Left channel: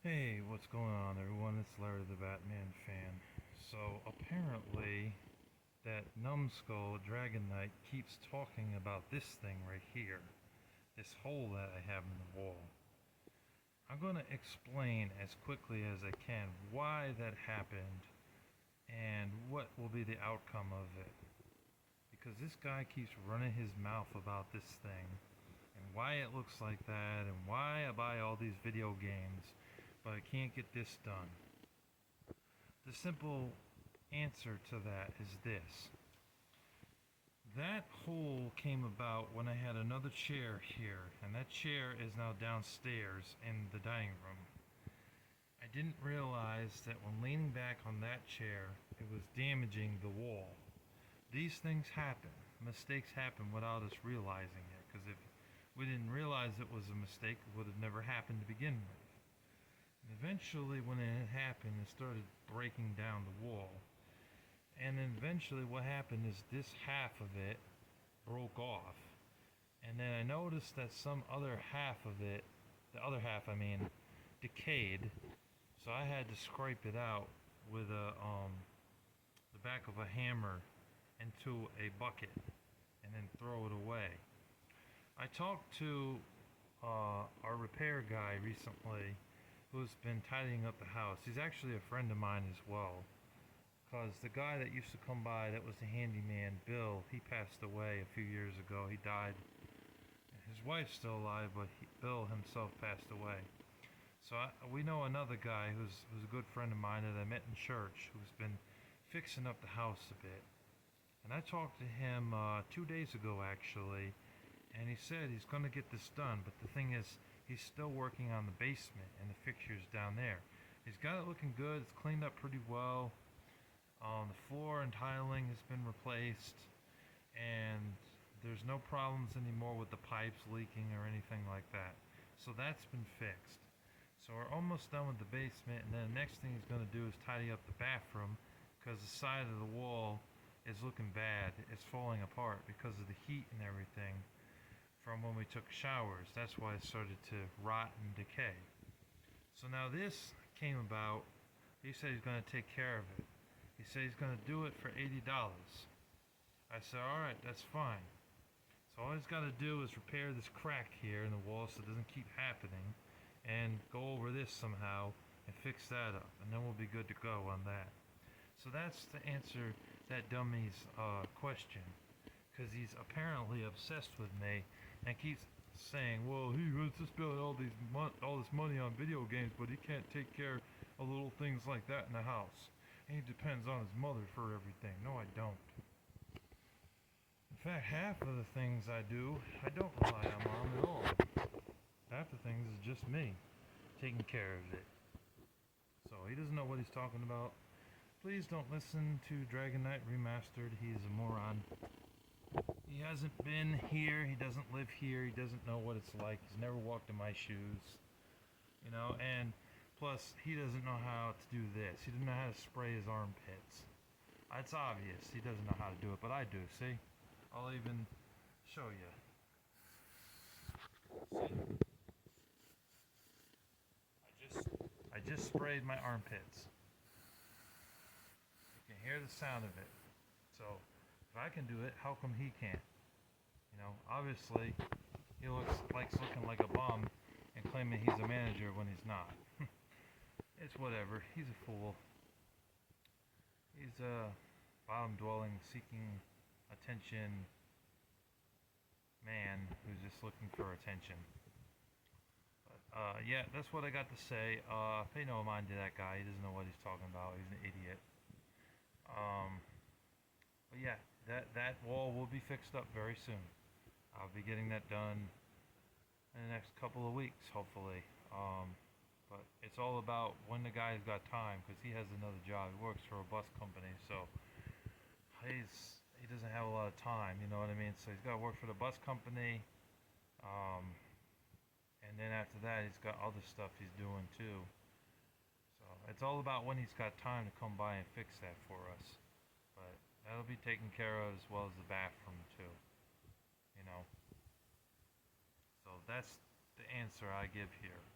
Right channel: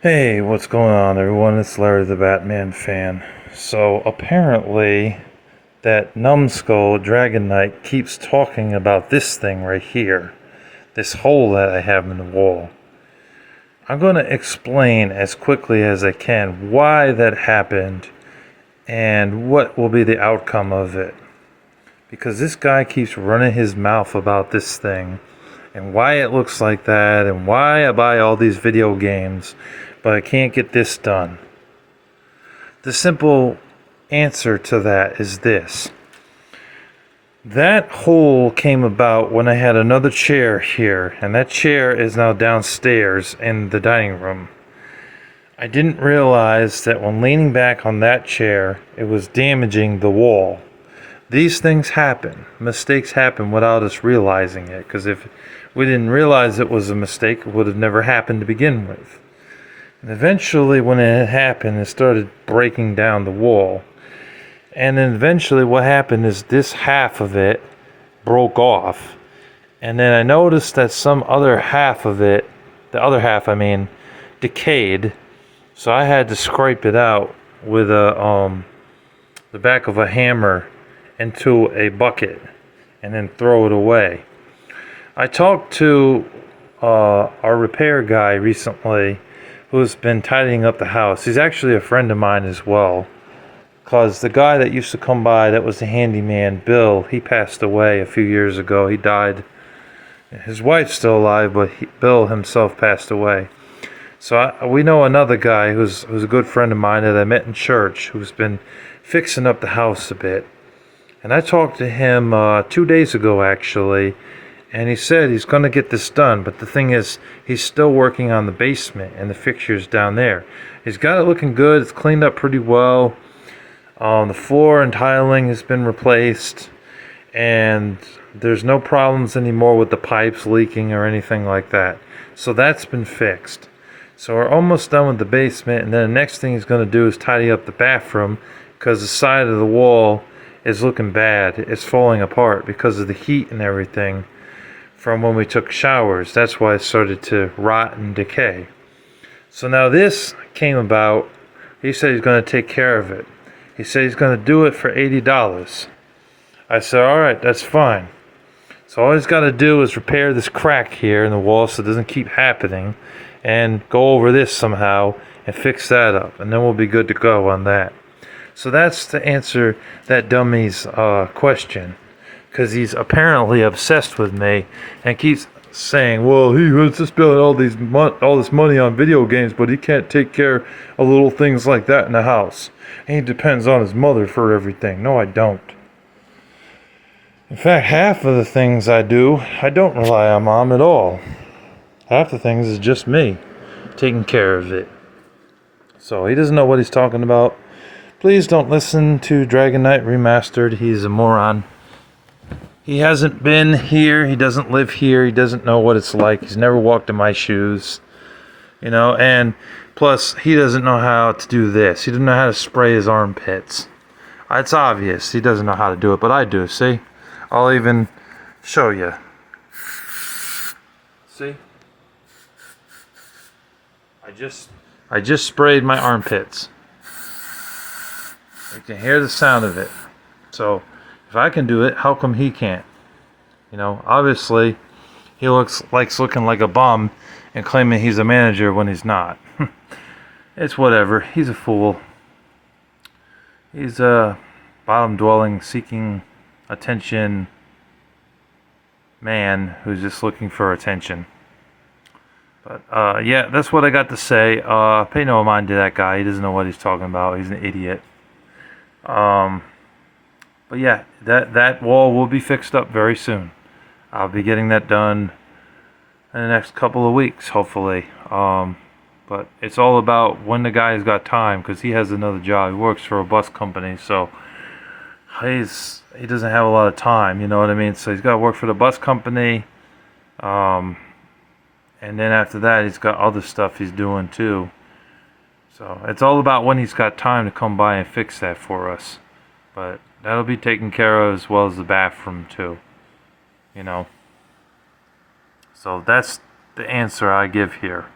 Hey, what's going on, everyone? It's Larry the Batman fan. So, apparently, that numbskull Dragon Knight keeps talking about this thing right here, this hole that I have in the wall. I'm going to explain as quickly as I can why that happened and what will be the outcome of it. Because this guy keeps running his mouth about this thing and why it looks like that and why I buy all these video games, but I can't get this done. The simple answer to that is this. That hole came about when I had another chair here, and that chair is now downstairs in the dining room. I didn't realize that when leaning back on that chair, it was damaging the wall. These things happen. Mistakes happen without us realizing it, because if we didn't realize it was a mistake, it would have never happened to begin with. And eventually, when it happened, it started breaking down the wall. And then eventually, what happened is this half of it broke off. And then I noticed that some other half of it, the other half, I mean, decayed. So I had to scrape it out with the back of a hammer into a bucket and then throw it away. I talked to our repair guy recently who's been tidying up the house. He's actually a friend of mine as well. Because the guy that used to come by that was the handyman, Bill, he passed away a few years ago. He died. His wife's still alive, but Bill himself passed away. So we know another guy who's a good friend of mine that I met in church who's been fixing up the house a bit. And I talked to him 2 days ago, actually, and he said he's going to get this done. But the thing is, he's still working on the basement and the fixtures down there. He's got it looking good. It's cleaned up pretty well. The floor and tiling has been replaced, and there's no problems anymore with the pipes leaking or anything like that. So that's been fixed. So we're almost done with the basement, and then the next thing he's going to do is tidy up the bathroom because the side of the wall is looking bad. It's falling apart because of the heat and everything from when we took showers. That's why it started to rot and decay. So now this came about. He said he's going to take care of it. He said he's going to do it for $80. I said, all right, that's fine. So all he's got to do is repair this crack here in the wall so it doesn't keep happening and go over this somehow and fix that up. And then we'll be good to go on that. So that's to answer that dummy's question. Because he's apparently obsessed with me and keeps saying, well, he wants to spend all this money on video games, but he can't take care of little things like that in the house. And he depends on his mother for everything. No, I don't. In fact, half of the things I do, I don't rely on Mom at all. Half the things is just me taking care of it. So he doesn't know what he's talking about. Please don't listen to Dragon Knight Remastered. He's a moron. He hasn't been here. He doesn't live here. He doesn't know what it's like. He's never walked in my shoes. And plus, he doesn't know how to do this. He doesn't know how to spray his armpits. It's obvious. He doesn't know how to do it, but I do, see? I'll even show you. See? I just sprayed my armpits. You can hear the sound of it. So, if I can do it, how come he can't? Obviously, he likes looking like a bum and claiming he's a manager when he's not. It's whatever. He's a fool. He's a bottom-dwelling, seeking attention man who's just looking for attention. But, yeah, that's what I got to say. Pay no mind to that guy. He doesn't know what he's talking about. He's an idiot. But yeah, that wall will be fixed up very soon. I'll be getting that done in the next couple of weeks, hopefully. But it's all about when the guy's got time, because he has another job. He works for a bus company, so he doesn't have a lot of time, you know what I mean? So he's got to work for the bus company, and then after that, he's got other stuff he's doing too. So it's all about when he's got time to come by and fix that for us. But that'll be taken care of as well as the bathroom too. So that's the answer I give here.